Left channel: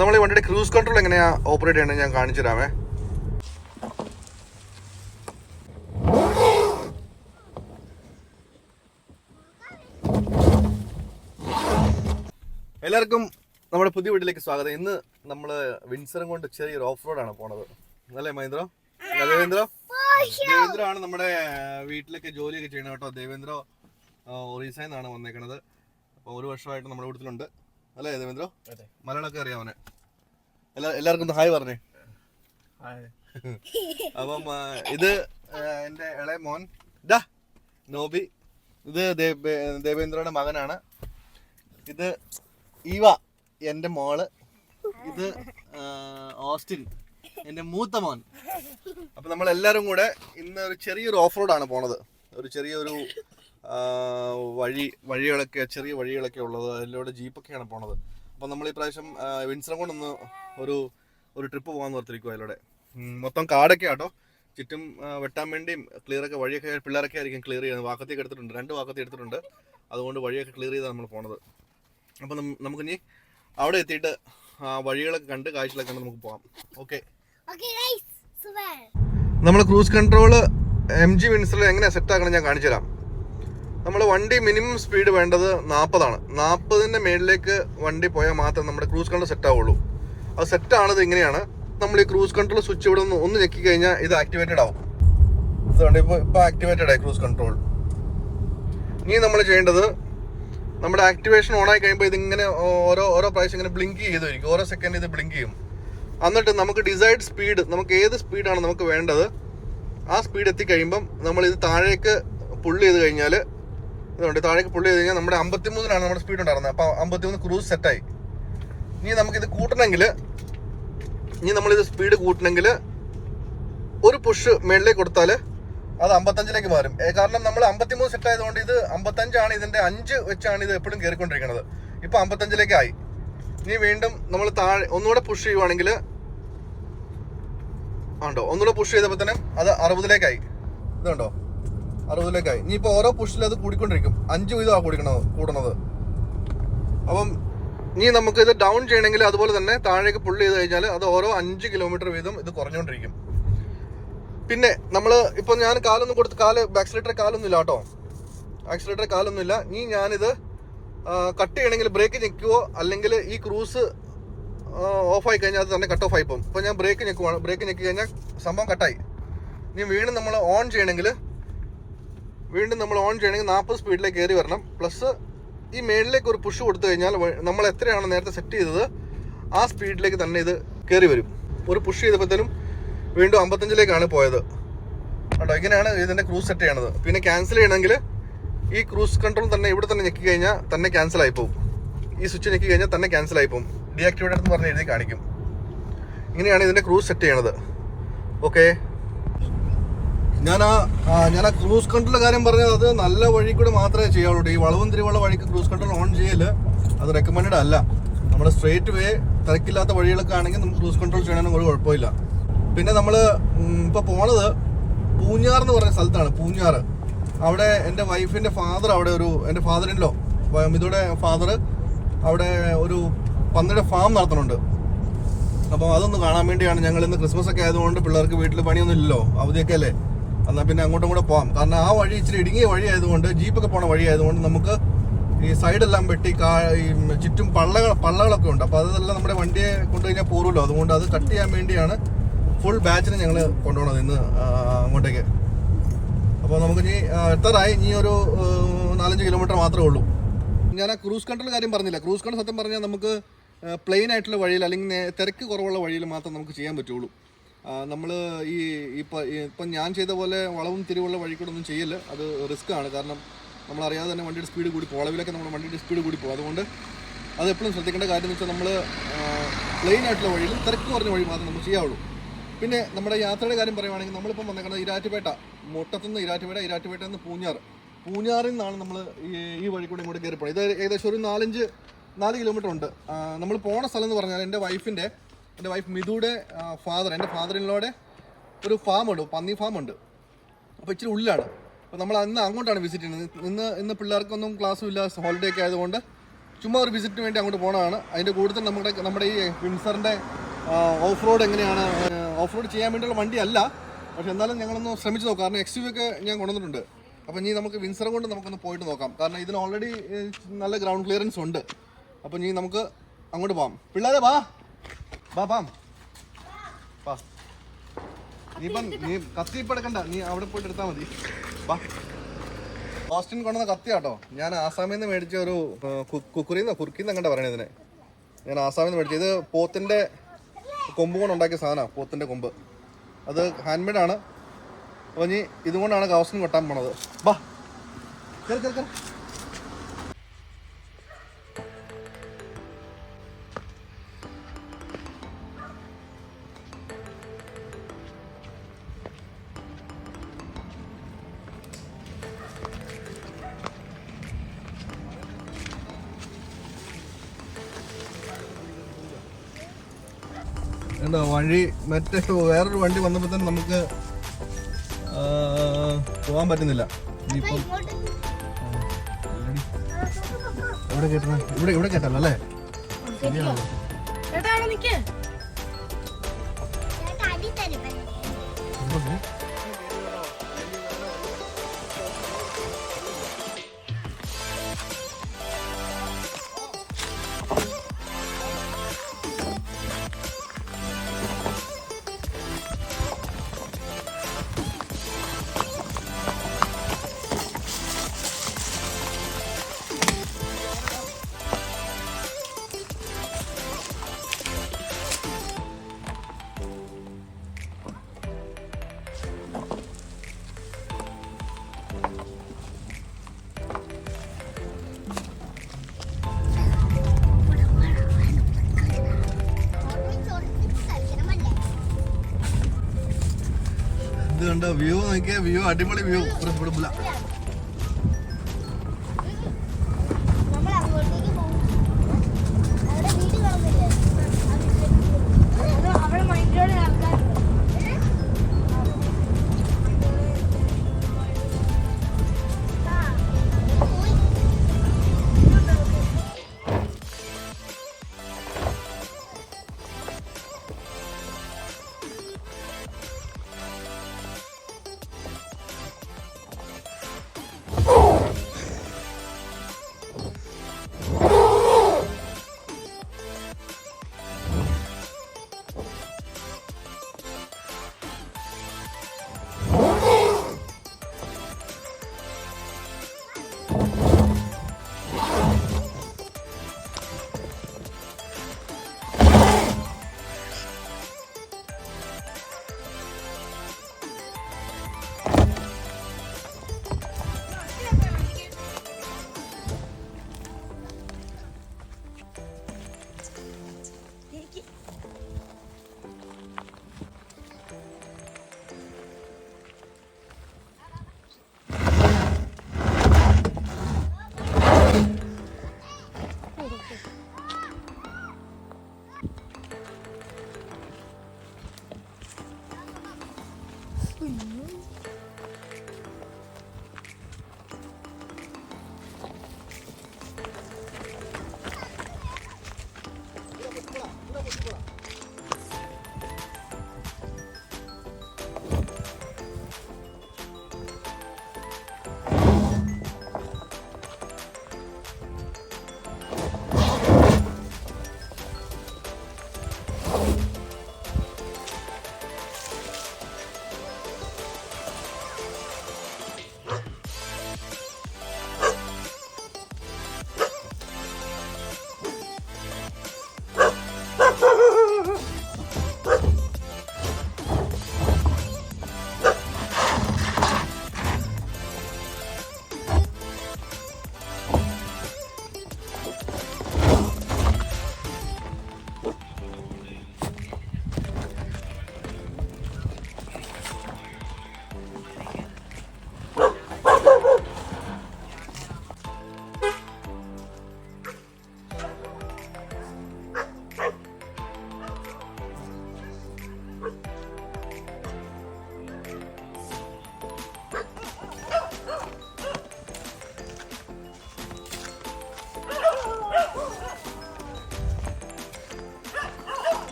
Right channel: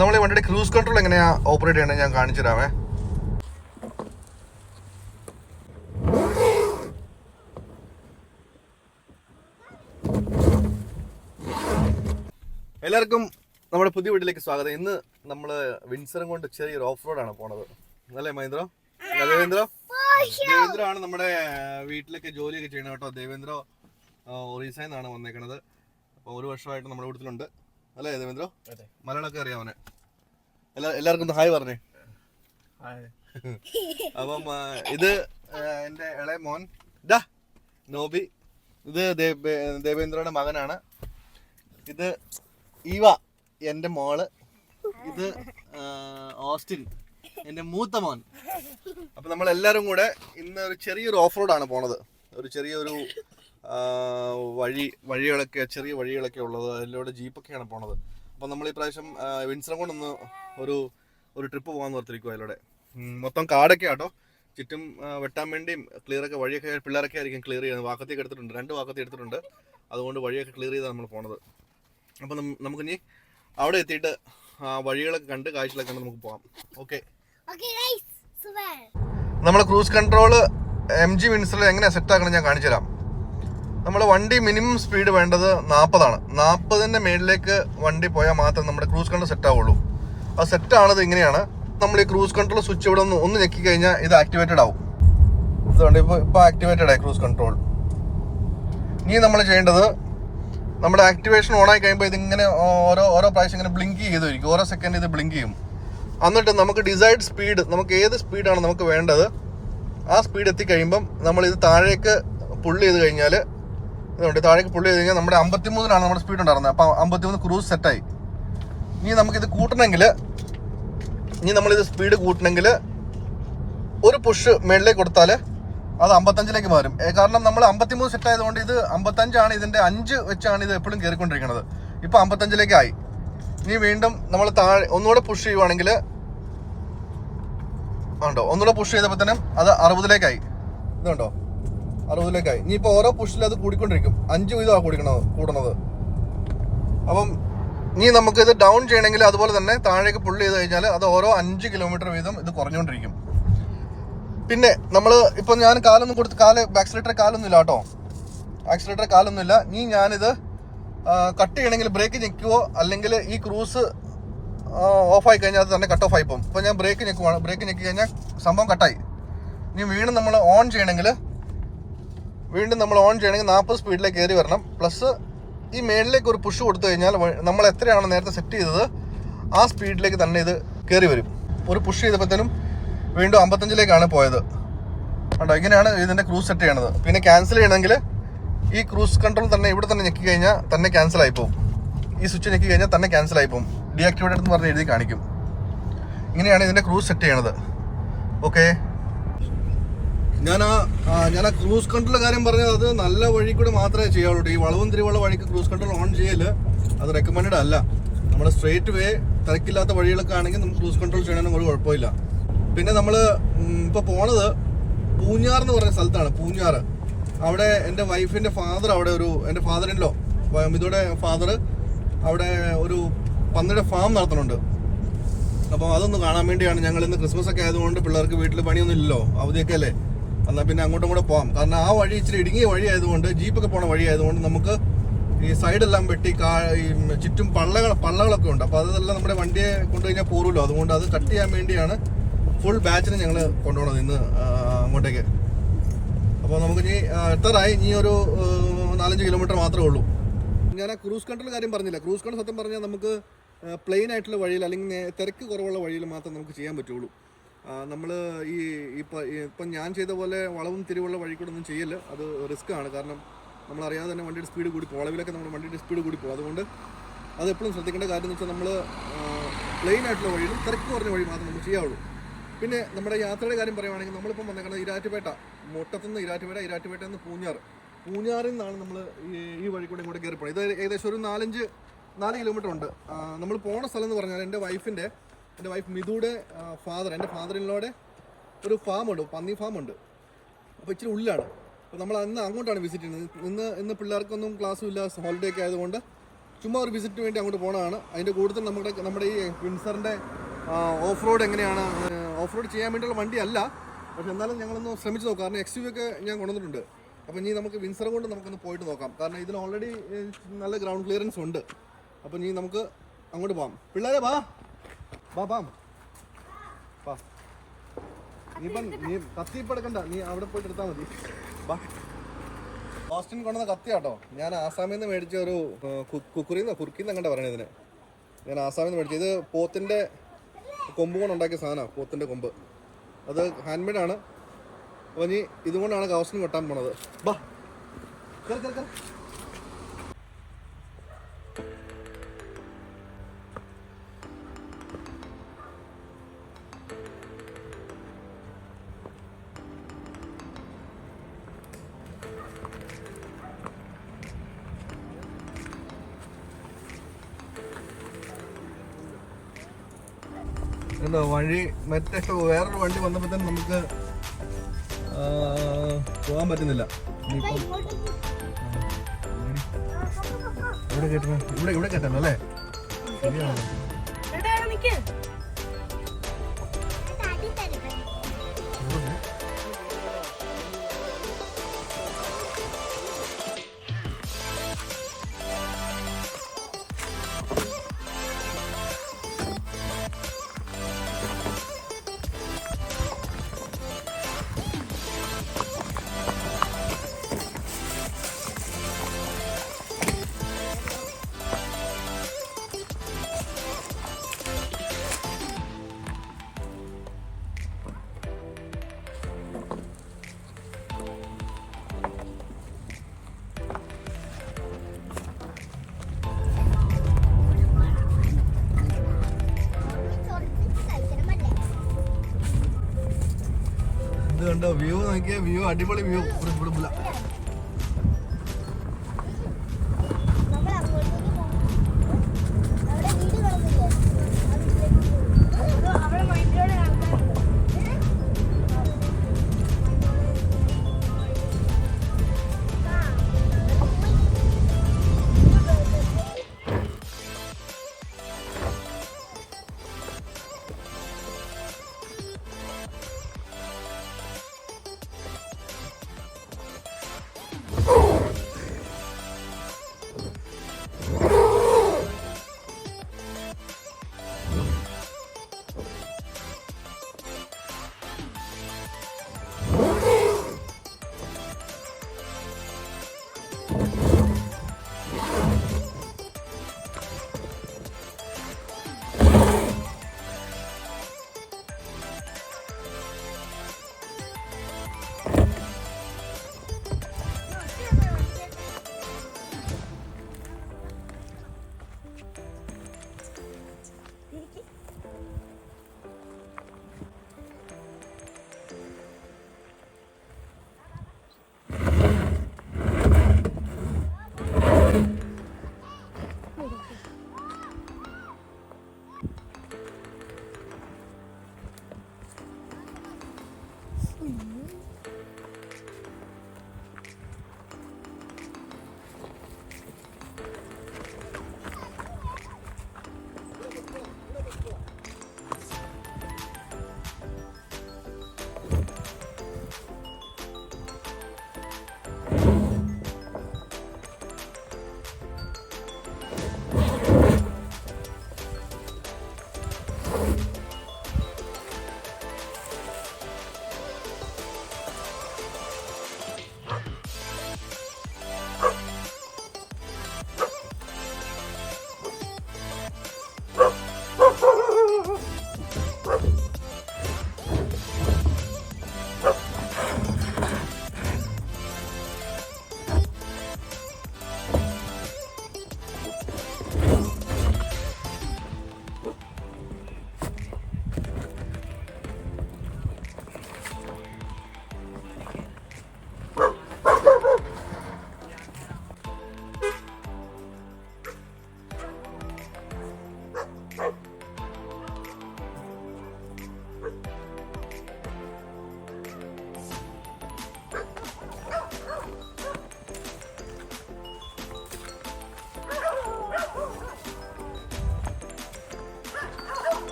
നമ്മൾ ഈ വണ്ടിയുടെ ക്രൂസ് കൺട്രോൾ എങ്ങനെയാണ് ഓപ്പറേറ്റ് ചെയ്യണമെന്ന് ഞാൻ കാണിച്ചു തരാമേ. എല്ലാവർക്കും നമ്മുടെ പുതിയ വീട്ടിലേക്ക് സ്വാഗതം. ഇന്ന് നമ്മൾ വിൻസറും കൊണ്ട് ചെറിയൊരു ഓഫ് റോഡാണ് പോണത്. അല്ലേ മഹേന്ദ്ര? ദേവേന്ദ്ര ആണ് നമ്മുടെ വീട്ടിലേക്ക് ജോലിയൊക്കെ ചെയ്യണം കേട്ടോ. ദേവേന്ദ്ര ഒറീസയിൽ നിന്നാണ് വന്നേക്കണത്. അപ്പോൾ 1 വർഷമായിട്ട് നമ്മുടെ വീട്ടിലുണ്ട്. അല്ലേ ദേവേന്ദ്ര? മലയാളമൊക്കെ അറിയാവനെ? എല്ലാവർക്കും ഒന്ന് ഹായ് പറഞ്ഞേ. അപ്പം ഇത് എൻ്റെ ഇളയ മോൻ നോബി. ഇത് ദേവേന്ദ്രയുടെ മകനാണ്. ഇത് ഈവ എൻ്റെ മോള്. ഇത് ഓസ്റ്റിൻ എൻ്റെ മൂത്ത മോൻ. അപ്പം നമ്മളെല്ലാവരും കൂടെ ഇന്ന് ഒരു ചെറിയൊരു ഓഫ് റോഡാണ് പോണത്. ഒരു ചെറിയൊരു വഴികളൊക്കെ ചെറിയ വഴികളൊക്കെ ഉള്ളത്, അതിലൂടെ ജീപ്പൊക്കെയാണ് പോണത്. അപ്പം നമ്മൾ ഈ പ്രാവശ്യം വിൻസറും കൊണ്ടൊന്ന് ഒരു ട്രിപ്പ് പോകാൻ ഓർത്തിരിക്കും. അതിലൂടെ മൊത്തം കാടൊക്കെ ആട്ടോ. ചുറ്റും വെട്ടാൻ വേണ്ടിയും ക്ലിയറൊക്കെ വഴിയൊക്കെ പിള്ളേരൊക്കെ ആയിരിക്കും ക്ലിയർ ചെയ്യുന്നത്. വാക്കത്തേക്ക് എടുത്തിട്ടുണ്ട്, 2 വാക്കത്തി എടുത്തിട്ടുണ്ട്. അതുകൊണ്ട് വഴിയൊക്കെ ക്ലിയർ ചെയ്താണ് നമ്മൾ പോണത്. അപ്പം നമുക്കിനി അവിടെ എത്തിയിട്ട് വഴികളൊക്കെ കണ്ട് കാഴ്ചകളൊക്കെ കണ്ട് നമുക്ക് പോകാം. ഓക്കെ. നമ്മൾ ക്രൂസ് കൺട്രോൾ MG വിൻസറിൽ എങ്ങനെയാണ് സെറ്റ് ആക്കണം ഞാൻ കാണിച്ചു തരാം. നമ്മൾ വണ്ടി മിനിമം സ്പീഡ് വേണ്ടത് 40 ആണ്. 40ന്റെ മേളിലേക്ക് വണ്ടി പോയാൽ മാത്രം നമ്മുടെ ക്രൂസ് കൺട്രോൾ സെറ്റ് ആവുള്ളൂ. അത് സെറ്റ് ആണത് ഇങ്ങനെയാണ്. നമ്മൾ ഈ ക്രൂസ് കൺട്രോൾ സ്വിച്ച് ഇവിടെ ഒന്ന് ഞെക്കി കഴിഞ്ഞാൽ ഇത് ആക്ടിവേറ്റഡ് ആവും. ഇതുകൊണ്ട് ഇപ്പോൾ ആക്ടിവേറ്റഡ് ആയി ക്രൂസ് കൺട്രോൾ. ഇനി നമ്മൾ ചെയ്യേണ്ടത്, നമ്മുടെ ആക്ടിവേഷൻ ഓൺ ആയി കഴിയുമ്പോൾ ഇതിങ്ങനെ ഓരോ പ്രാവശ്യം ഇങ്ങനെ ബ്ലിങ്ക് ചെയ്തിരിക്കും. ഓരോ സെക്കൻഡ് ഇത് ബ്ലിങ്ക് ചെയ്യും. എന്നിട്ട് നമുക്ക് ഡിസൈഡ് സ്പീഡ്, നമുക്ക് ഏത് സ്പീഡാണ് നമുക്ക് വേണ്ടത് ആ സ്പീഡ് എത്തിക്കഴിയുമ്പം നമ്മൾ ഇത് താഴേക്ക് പുള്ള് ചെയ്ത് കഴിഞ്ഞാൽ, ഇതുകൊണ്ട് താഴേക്ക് പുള്ള് ചെയ്ത് കഴിഞ്ഞാൽ നമ്മുടെ 53-ലാണ് നമ്മുടെ സ്പീഡ് ഉണ്ടായിരുന്നത്. അപ്പോൾ 53 ക്രൂസ് സെറ്റായി. ഇനി നമുക്കിത് കൂട്ടണമെങ്കിൽ, നമ്മളിത് സ്പീഡ് കൂട്ടണമെങ്കിൽ ഒരു പുഷ് മേളിലേക്ക് കൊടുത്താൽ അത് 55ലേക്ക് മാറും. കാരണം നമ്മൾ 53 സെറ്റ് ആയതുകൊണ്ട് ഇത് 55 ഇതിന്റെ 5 വെച്ചാണ് ഇത് എപ്പോഴും കയറിക്കൊണ്ടിരിക്കുന്നത്. ഇപ്പൊ 55ലേക്ക് ആയി. ഇനി വീണ്ടും നമ്മൾ താഴെ ഒന്നുകൂടെ പുഷ് ചെയ്യുവാണെങ്കിൽ ഉണ്ടോ, ഒന്നുകൂടെ പുഷ് ചെയ്തപ്പോൾ തന്നെ അത് 60ലേക്കായി. ഇതുണ്ടോ, 60ലേക്കായി. ഇനിയിപ്പോൾ ഓരോ പുഷിൽ അത് കൂടിക്കൊണ്ടിരിക്കും. 5 വീതമാണ് കൂടുന്നത്. അപ്പം ഇനി നമുക്കിത് ഡൗൺ ചെയ്യണമെങ്കിൽ അതുപോലെ തന്നെ താഴേക്ക് പുള്ള് ചെയ്ത് കഴിഞ്ഞാൽ അത് ഓരോ 5 കിലോമീറ്റർ വീതം ഇത് കുറഞ്ഞുകൊണ്ടിരിക്കും. പിന്നെ നമ്മൾ ഇപ്പോൾ ഞാൻ കാലൊന്നും കൊടുത്ത് ആക്സിലേറ്റർ കാലൊന്നുമില്ല കേട്ടോ. ആക്സിലേറ്റർ കാലൊന്നുമില്ല. ഇനി ഞാനിത് കട്ട് ചെയ്യണമെങ്കിൽ ബ്രേക്ക് ഞെക്കുവോ അല്ലെങ്കിൽ ഈ ക്രൂസ് ഓഫായി കഴിഞ്ഞാൽ അത് തന്നെ കട്ട് ഓഫ് ആയി പോകും. ഇപ്പോൾ ഞാൻ ബ്രേക്ക് ഞെക്കുവാണ്. ബ്രേക്ക് ഞെക്കി കഴിഞ്ഞാൽ സംഭവം കട്ടായി. ഇനി വീണ്ടും നമ്മൾ ഓൺ ചെയ്യണമെങ്കിൽ 40 സ്പീഡിലേക്ക് കയറി വരണം. പ്ലസ് ഈ മേളിലേക്ക് ഒരു പുഷ് കൊടുത്തു കഴിഞ്ഞാൽ നമ്മൾ എത്രയാണ് നേരത്തെ സെറ്റ് ചെയ്തത് ആ സ്പീഡിലേക്ക് തന്നെ ഇത് കയറി വരും. ഒരു പുഷ് ചെയ്തപ്പോഴത്തേനും വീണ്ടും 55ലേക്കാണ് പോയത്. കേട്ടോ, ഇങ്ങനെയാണ് ഇതിൻ്റെ ക്രൂസ് സെറ്റ് ചെയ്യണത്. പിന്നെ ക്യാൻസൽ ചെയ്യണമെങ്കിൽ ഈ ക്രൂസ് കൺട്രോൾ തന്നെ ഇവിടെ തന്നെ ഞെക്കി കഴിഞ്ഞാൽ തന്നെ ക്യാൻസൽ ആയി പോകും. ഈ സ്വിച്ച് ഞെക്കി കഴിഞ്ഞാൽ തന്നെ ക്യാൻസൽ ആയി പോകും. ഡീആക്ടിവേറ്റഡ് എന്ന് പറഞ്ഞ് എഴുതി കാണിക്കും. ഇങ്ങനെയാണ് ഇതിൻ്റെ ക്രൂസ് സെറ്റ് ചെയ്യണത്. ഓക്കെ. ഞാൻ ആ ക്രൂസ് കൺട്രോൾ കാര്യം പറഞ്ഞത് അത് നല്ല വഴി കൂടെ മാത്രമേ ചെയ്യാവുള്ളൂ. ഈ വളവും തിരിവുള്ള വഴിക്ക് ക്രൂസ് കൺട്രോൾ ഓൺ ചെയ്യൽ അത് റെക്കമെൻഡ് അല്ല. നമ്മുടെ സ്ട്രേറ്റ് വേ തിരക്കില്ലാത്ത വഴികളൊക്കെ ആണെങ്കിൽ നമുക്ക് ക്രൂസ് കൺട്രോൾ ചെയ്യണമെങ്കിൽ ഒരു കുഴപ്പമില്ല. പിന്നെ നമ്മൾ ഇപ്പോൾ പോണത് പൂഞ്ഞാർ എന്ന് പറഞ്ഞ സ്ഥലത്താണ്. പൂഞ്ഞാർ, അവിടെ എൻ്റെ വൈഫിൻ്റെ ഫാദർ, അവിടെ എൻ്റെ ഫാദറിൻലോ മിതുയുടെ ഫാദർ അവിടെ ഒരു പന്നിയുടെ ഫാം നടത്തുന്നുണ്ട്. അപ്പോൾ അതൊന്ന് കാണാൻ വേണ്ടിയാണ് ഞങ്ങൾ ഇന്ന്. ക്രിസ്മസ് ഒക്കെ ആയതുകൊണ്ട് പിള്ളേർക്ക് വീട്ടിൽ പണിയൊന്നും ഇല്ലല്ലോ, അവധിയൊക്കെ അല്ലേ. എന്നാൽ പിന്നെ അങ്ങോട്ടും കൂടെ പോകാം. കാരണം ആ വഴി ഇച്ചിരി ഇടുങ്ങിയ വഴി ആയതുകൊണ്ട്, ജീപ്പൊക്കെ പോണ വഴി ആയതുകൊണ്ട് നമുക്ക് ഈ സൈഡെല്ലാം വെട്ടി ഈ ചുറ്റും പള്ളകളൊക്കെ ഉണ്ട്. അപ്പോൾ അതെല്ലാം നമ്മുടെ വണ്ടിയെ കൊണ്ടുകഴിഞ്ഞാൽ പോരുമല്ലോ. അതുകൊണ്ട് അത് കട്ട് ചെയ്യാൻ വേണ്ടിയാണ് ഫുൾ ബാച്ചിന് ഞങ്ങൾ കൊണ്ടുപോകണത് ഇന്ന് അങ്ങോട്ടേക്ക്. അപ്പോൾ നമുക്ക് ഇനി എത്താറായി. ഇനി ഒരു 4-5 കിലോമീറ്റർ മാത്രമേ ഉള്ളൂ. ഞാൻ ആ ക്രൂസ് കൺട്രോൾ കാര്യം പറഞ്ഞില്ല. ക്രൂസ് കൺട്രോൾ സത്യം പറഞ്ഞാൽ നമുക്ക് പ്ലെയിൻ ആയിട്ടുള്ള വഴിയിൽ അല്ലെങ്കിൽ തിരക്ക് കുറവുള്ള വഴിയിൽ മാത്രം നമുക്ക് ചെയ്യാൻ പറ്റുള്ളൂ. നമ്മൾ ഇപ്പം ഞാൻ ചെയ്ത പോലെ വളവും തിരിവുള്ള വഴി കൂടെ ഒന്നും ചെയ്യില്ല. അത് റിസ്ക് ആണ്. കാരണം നമ്മളറിയാതെ തന്നെ വണ്ടിയുടെ സ്പീഡ് കൂടി പോകും. വളവിലൊക്കെ നമ്മുടെ വണ്ടിയുടെ സ്പീഡ് കൂടി പോകും. അതുകൊണ്ട് അത് എപ്പോഴും ശ്രദ്ധിക്കേണ്ട കാര്യം എന്ന് വെച്ചാൽ നമ്മൾ പ്ലെയിൻ ആയിട്ടുള്ള വഴിയിലും തിരക്ക് കുറഞ്ഞ വഴി മാത്രം നമുക്ക് ചെയ്യാവുള്ളൂ. പിന്നെ നമ്മുടെ യാത്രയുടെ കാര്യം പറയുവാണെങ്കിൽ നമ്മളിപ്പം വന്നേക്കുന്നത് ഇരാറ്റുപേട്ട, മുട്ടത്തുനിന്ന് ഇരാറ്റുപേട്ടയിൽ നിന്ന് പൂഞ്ഞാറിൽ നിന്നാണ് നമ്മൾ ഈ വഴി കൂടെ ഇങ്ങോട്ട് കയറി പോകുന്നത്. ഇത് ഏകദേശം ഒരു 4 കിലോമീറ്റർ ഉണ്ട്. നമ്മൾ പോണ സ്ഥലം എന്ന് പറഞ്ഞാൽ എൻ്റെ വൈഫ് മിതുയുടെ ഫാദർ, എൻ്റെ ഫാദറിനോടെ ഒരു ഫാമുണ്ട്, പന്നി ഫാമുണ്ട്. അപ്പോൾ ഇച്ചിരി ഉള്ളിലാണ്. അപ്പോൾ നമ്മൾ അന്ന് അങ്ങോട്ടാണ് വിസിറ്റ് ചെയ്യുന്നത്. ഇന്ന് പിള്ളേർക്കൊന്നും ക്ലാസ്സും ഇല്ല, ഹോളിഡേ ഒക്കെ ആയതുകൊണ്ട് ചുമ്മാ ഒരു വിസിറ്റിന് വേണ്ടി അങ്ങോട്ട് പോകണതാണ്. അതിൻ്റെ കൂടുതൽ നമ്മുടെ ഈ വിൻസറിൻ്റെ ഓഫ് റോഡ് എങ്ങനെയാണ്, ഓഫ് റോഡ് ചെയ്യാൻ വേണ്ടിയുള്ള വണ്ടിയല്ല, പക്ഷെ എന്നാലും ഞങ്ങളൊന്ന് ശ്രമിച്ച് നോക്കാം. കാരണം XUV ഒക്കെ ഞാൻ കൊണ്ടുവന്നിട്ടുണ്ട്. അപ്പോൾ ഇനി നമുക്ക് വിൻസറും കൊണ്ട് നമുക്കൊന്ന് പോയിട്ട് നോക്കാം. കാരണം ഇതിന് ഓൾറെഡി നല്ല ഗ്രൗണ്ട് ക്ലിയറൻസ് ഉണ്ട്. അപ്പോൾ ഇനി നമുക്ക് അങ്ങോട്ട് പോകാം. പിള്ളേരെ വാ വാ. നീ കത്തി ഇപ്പം എടുക്കണ്ട, നീ അവിടെ പോയിട്ട് എടുത്താൽ മതി. വാ. ഓസ്റ്റിൻ കൊണ്ടുവന്ന കത്തിയാട്ടോ. ഞാൻ ആസാമിൽ നിന്ന് മേടിച്ച ഒരു കുറുക്കിന്ന് അങ്ങോട്ട് പറയണത് ഇതിനെ. ഞാൻ ആസാമിൽ നിന്ന് മേടിച്ചത്. ഇത് പോത്തിൻ്റെ കൊമ്പ് കൊണ്ട് ഉണ്ടാക്കിയ സാധനമാണ്. പോത്തിൻ്റെ കൊമ്പ് അത് ഹാൻഡ് മെയ്ഡാണ്. അപ്പോൾ ഇനി ഇതുകൊണ്ടാണ് ഓസ്റ്റിൻ കൊട്ടാൻ പോണത്. വാ കേറി. ഉണ്ടോ വഴി? മറ്റേ വേറൊരു വണ്ടി വന്നപ്പോൾ തന്നെ നമുക്ക് പോകാൻ പറ്റുന്നില്ല. ഇനിയിപ്പം ഇവിടെ കേട്ട ഇവിടെ കേട്ടല്ലോ അല്ലേ? ശരിയാണല്ലോ. ഇത് കണ്ടോ വ്യൂ നോക്കിയ വ്യൂ, അടിപൊളി വ്യൂ. ഇവിടെ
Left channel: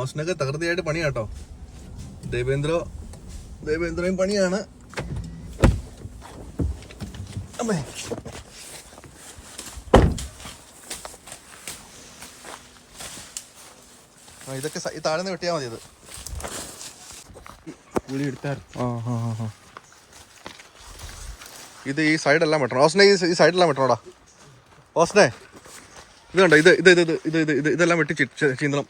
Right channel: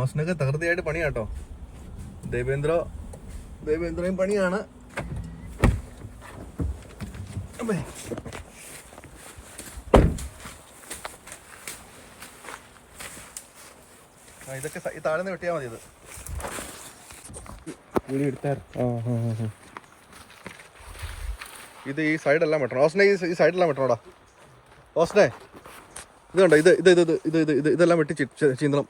ഓസ്നൊക്കെ തകൃതിയായിട്ട് പണിയാട്ടോ. ദേവേന്ദ്രയും പണിയാണ്. അമ്മേ ഇതൊക്കെ ഈ താഴ്ന്ന് വെട്ടിയാൽ മതി. ഇത് ഈ സൈഡെല്ലാം വെട്ടണം. ഓസ്നെ ഈ സൈഡെല്ലാം വെട്ടണോടാ. ഓസ്നെ ഇത് കണ്ടോ, ഇതെല്ലാം വെട്ടി ചീന്തണം.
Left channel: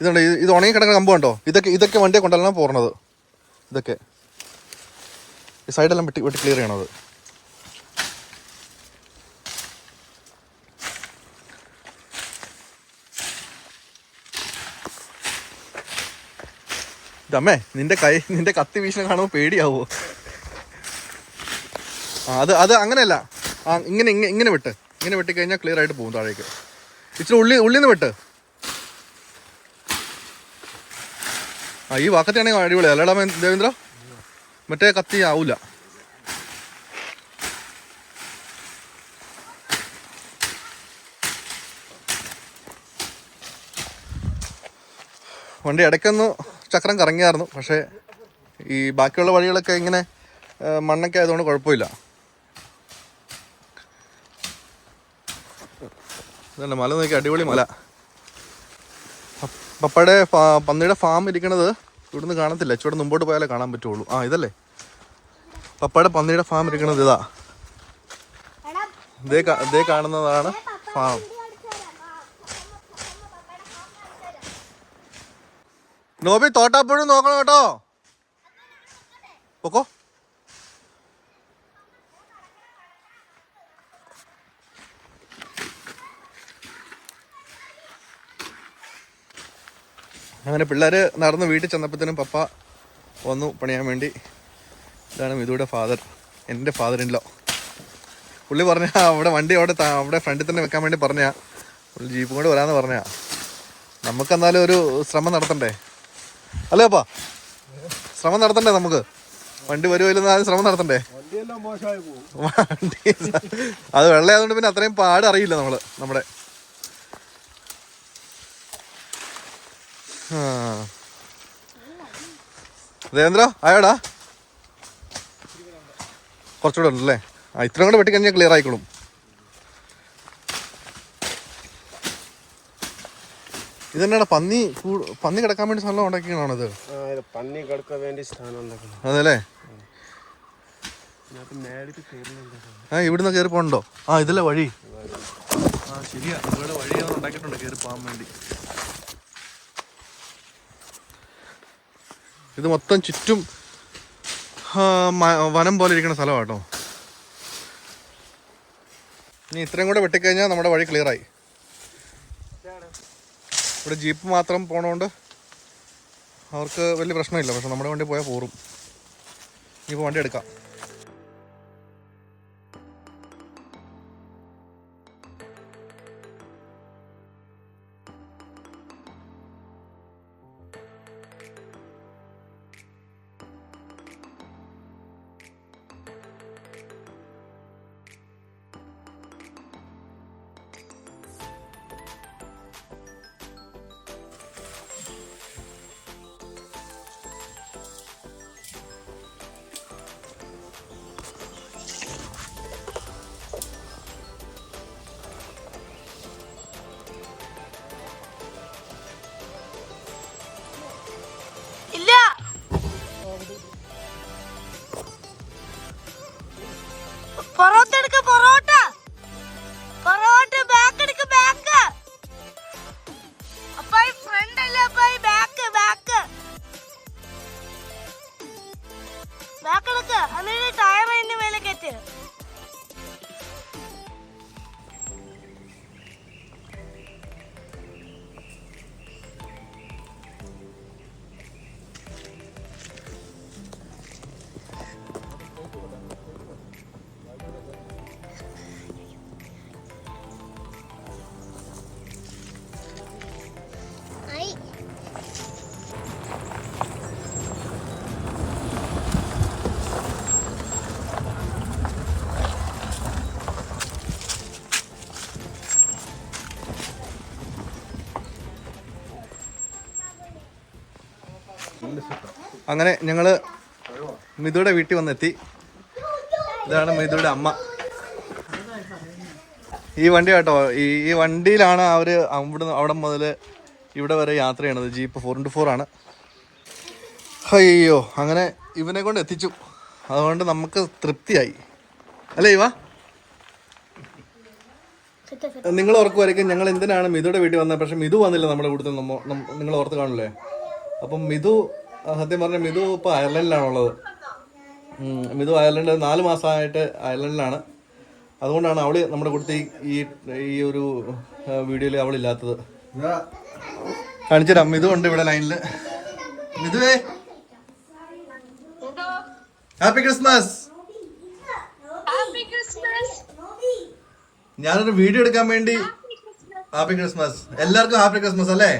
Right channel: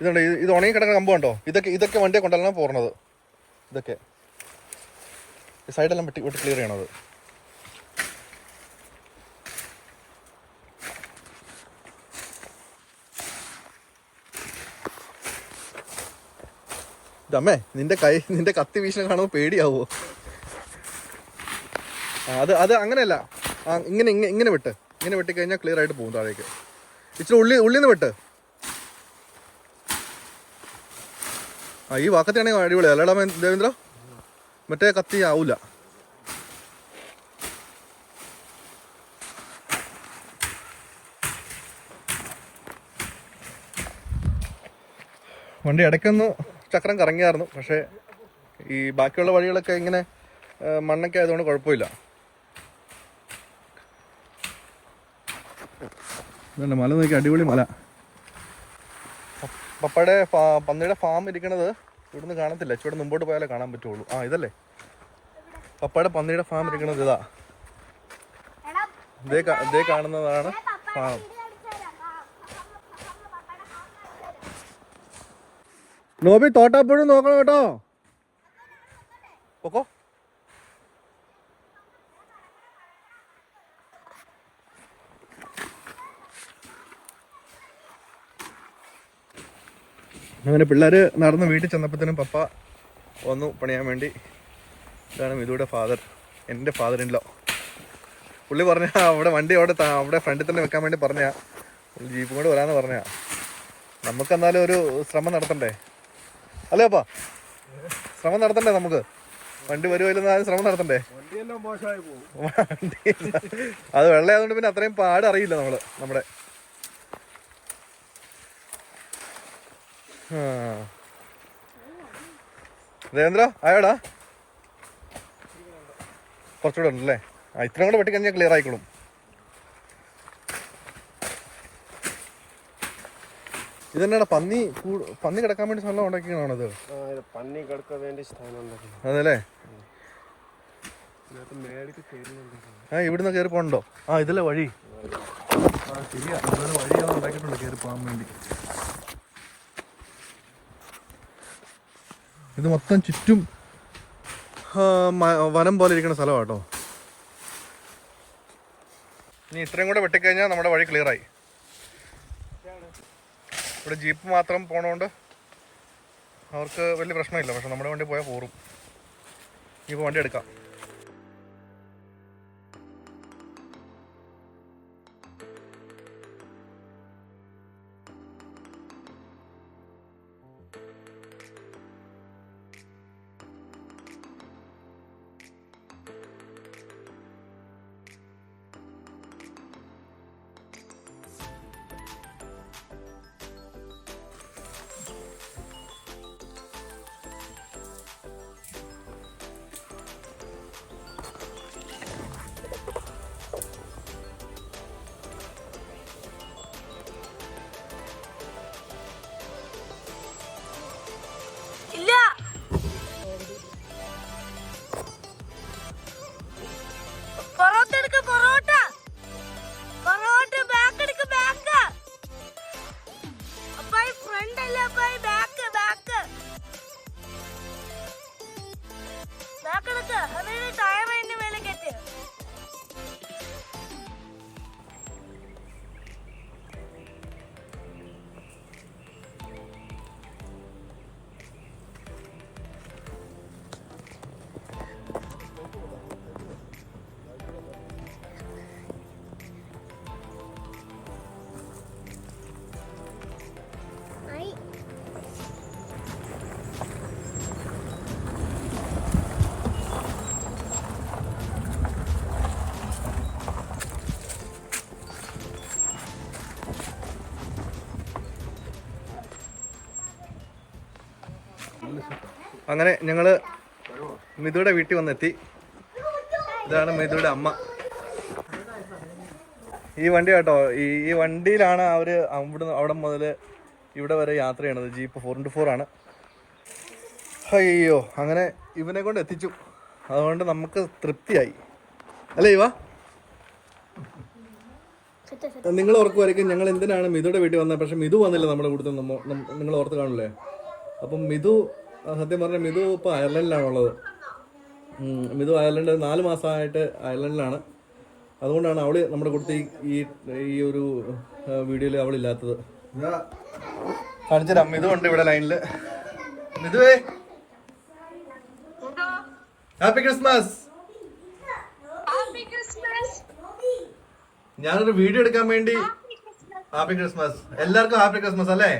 ഇതുണ്ട്, ഇത് ഉണങ്ങി കിടക്കുന്ന കമ്പ് കണ്ടോ. ഇതൊക്കെ വണ്ടിയെ കൊണ്ടല്ല പോരണത്. ഇതൊക്കെ ഈ സൈഡെല്ലാം വെട്ടി ക്ലിയർ ചെയ്യണത്. ഇതമ്മേ, നിന്റെ കത്തി വീശിനെ കാണുമ്പോൾ പേടിയാവോ? അത് അങ്ങനെയല്ല. ഇങ്ങനെ വെട്ടിക്കഴിഞ്ഞാൽ ക്ലിയർ ആയിട്ട് പോകും താഴേക്ക്. ഇച്ചിരി ഉള്ളിന്ന് വെട്ട്. ഈ വാക്കത്തിയാണെങ്കിൽ അടിപൊളിയാ അല്ലേടാ ദേവേന്ദ്ര? മറ്റേ കത്തി ആവൂല. വണ്ടി ഇടയ്ക്കൊന്ന് ചക്രം കറങ്ങിയായിരുന്നു. പക്ഷേ ഈ ബാക്കിയുള്ള വഴികളൊക്കെ ഇങ്ങനെ മണ്ണൊക്കെ ആയതുകൊണ്ട് കുഴപ്പമില്ല. ഇതല്ല മല നോക്കി, അടിപൊളി മല. പപ്പയുടെ പന്നിയുടെ ഫാം ഇരിക്കണത് ഇവിടുന്ന് കാണത്തില്ല. ഇച്ചിരി മുമ്പോട്ട് പോയാലേ കാണാൻ പറ്റുള്ളൂ. ഇതല്ലേ പപ്പയുടെ പന്നിയുടെ ഫാം ഇരിക്കണത്. ഇതേ കാണുന്നതാണ് ഫാം. നോബി തോട്ടാപ്പുഴ നോക്കണം കേട്ടോ. പൊക്കോ. അങ്ങനെ പിള്ളേര് നടന്ന് വീട്ടിൽ ചെന്നപ്പോഴത്തേനും പപ്പ വന്നു പണിയാൻ വേണ്ടി. ഇതാണ് മിതുയുടെ ഫാദർ, എൻ്റെ ഫാദറിൻലോ. പുള്ളി പറഞ്ഞ അവിടെ വണ്ടി അവിടെ ഫ്രണ്ടിൽ തന്നെ വെക്കാൻ വേണ്ടി പറഞ്ഞാ. പുള്ളി ജീപ്പും കൊണ്ട് വരാമെന്ന് പറഞ്ഞാ. നമുക്കെന്നാലും ഒരു ശ്രമം നടത്തണ്ടേ അല്ലേ അപ്പാ? ശ്രമം നടത്തണ്ടേ നമുക്ക്? വണ്ടി വരുമല്ലോ, ശ്രമം നടത്തണ്ടേ? വണ്ടി അത് വെള്ളയായതുകൊണ്ട് പിന്നെ അത്രയും പാട് അറിയില്ല നമ്മുടെ. ദേവേന്ദ്ര ആയോടാ? കുറച്ചുകൂടെ ഉണ്ടല്ലേ? ഇത്രയും കൂടെ വെട്ടിക്കഴിഞ്ഞാൽ ക്ലിയർ ആയിക്കോളും. ഇതെന്നാണ് പന്നി കിടക്കാൻ വേണ്ടി സ്ഥലം ഉണ്ടാക്കിയാണത്? അതല്ലേ? ഇവിടുന്ന് കയറി പോകണ്ടോ? ഇതല്ലേ വഴി? ശരിയാ, ഇവിടെ വഴിയാണ് ഉണ്ടാക്കിയിട്ടുണ്ട് കയറി പോകാൻ വേണ്ടി. ഇത് മൊത്തം ചുറ്റും വനം പോലെ ഇരിക്കുന്ന സ്ഥലമാണ് കേട്ടോ. ഇനി ഇത്രയും കൂടെ വെട്ടിക്കഴിഞ്ഞാൽ നമ്മുടെ വഴി ക്ലിയറായി. ഇവിടെ ജീപ്പ് മാത്രം പോണോണ്ട് അവർക്ക് വലിയ പ്രശ്നമില്ല. പക്ഷെ നമ്മുടെ വണ്ടി പോയാൽ പോറും. ഇനിയിപ്പോൾ വണ്ടി എടുക്കാം. അങ്ങനെ ഞങ്ങള് മിതുയുടെ വീട്ടിൽ വന്നെത്തി. ഇതാണ് മിതുയുടെ അമ്മ. ഈ വണ്ടി കേട്ടോ, ഈ വണ്ടിയിലാണ് അവര് അവിടെ മുതൽ ഇവിടെ വരെ യാത്ര ചെയ്യണത്. ജീപ്പ് 4x4 ആണ്. അയ്യോ, അങ്ങനെ ഇവനെ കൊണ്ട് എത്തിച്ചു. അതുകൊണ്ട് നമുക്ക് തൃപ്തിയായി അല്ലേ ഇവ? നിങ്ങൾ ഓർക്കുമായിരിക്കും ഞങ്ങൾ എന്തിനാണ് മിതുയുടെ വീട്ടിൽ വന്നത്, പക്ഷെ മിതു വന്നില്ല നമ്മുടെ കൂടുതൽ. നിങ്ങൾ ഓർത്ത് കാണില്ലേ? അപ്പം മിതു സത്യം പറഞ്ഞാൽ മിതു ഇപ്പോൾ അയർലൻഡിലാണുള്ളത്. മിതു അയർലൻഡ് 4 മാസമായിട്ട് അയർലൻഡിലാണ്. അതുകൊണ്ടാണ് അവള് നമ്മുടെ കൂട്ടത്തിൽ ഈ ഒരു വീഡിയോയിൽ അവളില്ലാത്തത്. കാണിച്ചുതരാം. മിതു ഉണ്ട് ഇവിടെ ലൈനില്. മിതുവേ, ഹാപ്പി ക്രിസ്മസ്. ഞാനൊരു വീഡിയോ എടുക്കാൻ വേണ്ടി. Happy Christmas. എല്ലാവർക്കും ഹാപ്പി ക്രിസ്മസ് അല്ലേ?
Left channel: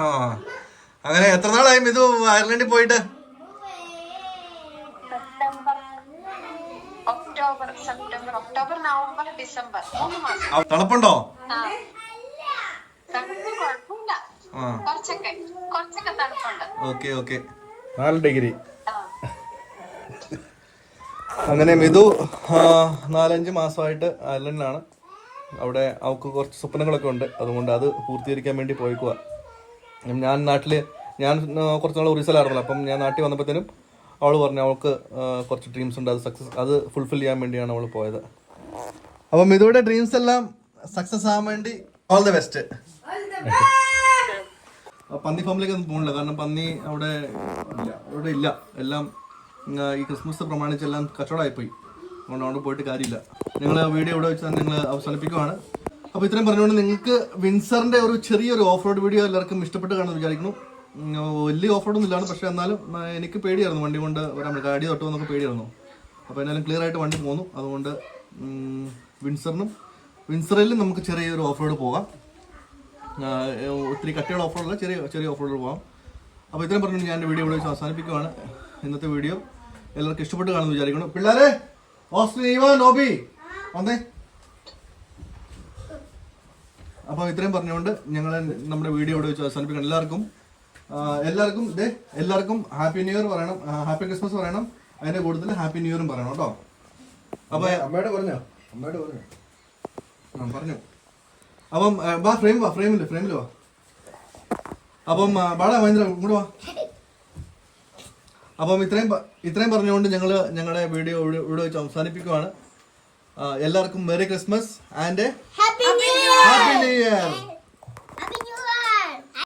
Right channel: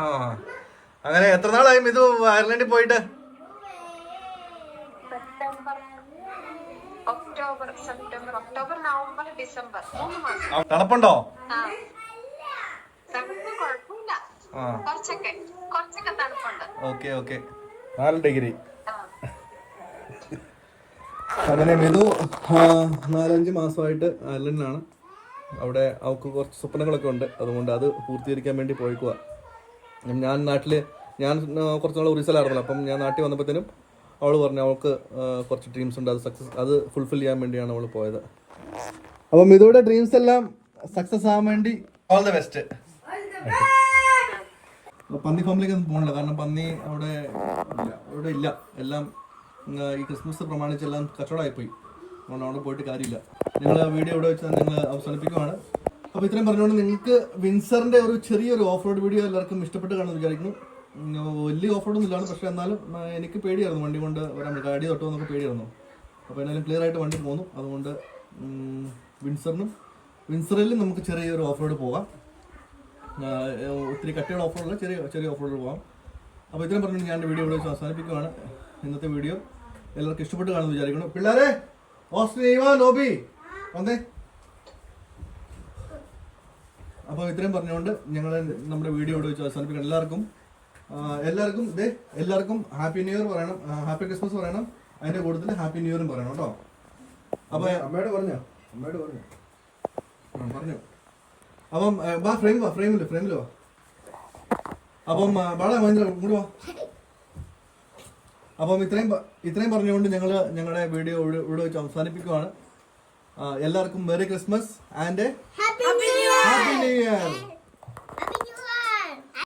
ആ, അങ്ങനെ എത്ര നാളായി മിതു അയർലൻഡിൽ പോയിട്ട്? ഒക്ടോബർ നവംബർ ഡിസംബർ 3 മാസം. തണുപ്പുണ്ടോ? കുറച്ചൊക്കെ തണുപ്പുണ്ട്. Okay 4 degree. അങ്ങനെ മിതു 4-5 മാസമായിട്ട് അയർലൻഡിലാണ്. അവിടെ അവൾക്ക് കുറച്ച് സ്വപ്നങ്ങളൊക്കെ ഉണ്ട്. അതുകൊണ്ട് അത് പൂർത്തീകരിക്കാൻ വേണ്ടി പോയിക്കുക. ഞാൻ കുറച്ച് നാൾ ഒറീസയിലായിരുന്നല്ലോ. അപ്പം ഞാൻ നാട്ടിൽ വന്നപ്പോഴത്തേനും അവൾ പറഞ്ഞു അവൾക്ക് കുറച്ച് ഡ്രീംസ് ഉണ്ട്, അത് ഫുൾഫിൽ ചെയ്യാൻ വേണ്ടിയാണ് അവൾ പോയത്. അപ്പോൾ മിതുയുടെ ഡ്രീംസ് എല്ലാം സക്സസ് ആവാൻ വേണ്ടി ഓൾ ദ ബെസ്റ്റ്. പന്നി ഫാമിലേക്ക് ഒന്നും പോകണില്ല, കാരണം പന്നി അവിടെ ഇല്ല. എല്ലാം ഈ ക്രിസ്മസ് പ്രമാണിച്ച് എല്ലാം കച്ചവടമായിപ്പോയി. അതുകൊണ്ട് അവിടെ പോയിട്ട് കാര്യമില്ല. നിങ്ങൾ വീഡിയോ ഇവിടെ വെച്ചാൽ നിങ്ങൾ അവസാനിപ്പിക്കുവാണ്. അപ്പോൾ ഇത്രയും പറഞ്ഞുകൊണ്ട് നിങ്ങൾക്ക് വിൻസറിൻ്റെ ഒരു ചെറിയൊരു ഓഫ് റോഡ് വീഡിയോ എല്ലാവർക്കും ഇഷ്ടപ്പെട്ട് കാണുമെന്ന് വിചാരിക്കുന്നു. വലിയ ഓഫ് റോഡൊന്നും ഇല്ലാണ്, പക്ഷേ എന്നാലും എനിക്ക് പേടിയായിരുന്നു വണ്ടി കൊണ്ട് വരാൻ. ഗാഡി തൊട്ടുമെന്നൊക്കെ പേടിയായിരുന്നു. അപ്പോൾ എന്നാലും ക്ലിയർ ആയിട്ട് വണ്ടി പോന്നു. അതുകൊണ്ട് വിൻസറിലും നമുക്ക് ചെറിയൊരു ഓഫ് റോഡ് പോകാം. ഒത്തിരി കട്ടിയുള്ള ഓഫ് റോഡല്ല, ചെറിയ ഓഫ് റോഡ് പോകാം. അപ്പോൾ ഇത്രയും പറഞ്ഞു ഞാൻ വീഡിയോ ഇവിടെ വെച്ച് അവസാനിപ്പിക്കുവാണ്. ഇന്നത്തെ വീഡിയോ എല്ലാവർക്കും ഇഷ്ടപ്പെട്ട് കാണുമെന്ന് വിചാരിക്കണം. പിള്ളേരെ, ഓസ്ട്രേലിയ നോബി വന്നേ. അപ്പോൾ ഇത്രയും പറഞ്ഞുകൊണ്ട് ഞങ്ങൾ നമ്മുടെ വീഡിയോ ഇവിടെ വെച്ച് അവസാനിപ്പിക്കണം. എല്ലാവർക്കും ഹാപ്പി ന്യൂ ഇയർ പറയണം, ഹാപ്പി ക്രിസ്മസ് പറയണം. അതിന്റെ കൂടുതൽ ഹാപ്പി ന്യൂ ഇയറും പറയണം കേട്ടോ. അപ്പൊ അമ്മയോട് പറഞ്ഞു. അപ്പം ഫ്രെയിമിൽ വാ. അപ്പം ബാടാ മഹേന്ദ്ര ഇങ്ങോട്ട് വാ. അപ്പം ഇത്രയും പറഞ്ഞുകൊണ്ട് ഞങ്ങളുടെ വീഡിയോ ഇവിടെ വെച്ച് അവസാനിപ്പിക്കുവാണ്. എല്ലാവർക്കും merry Christmas and happy new year.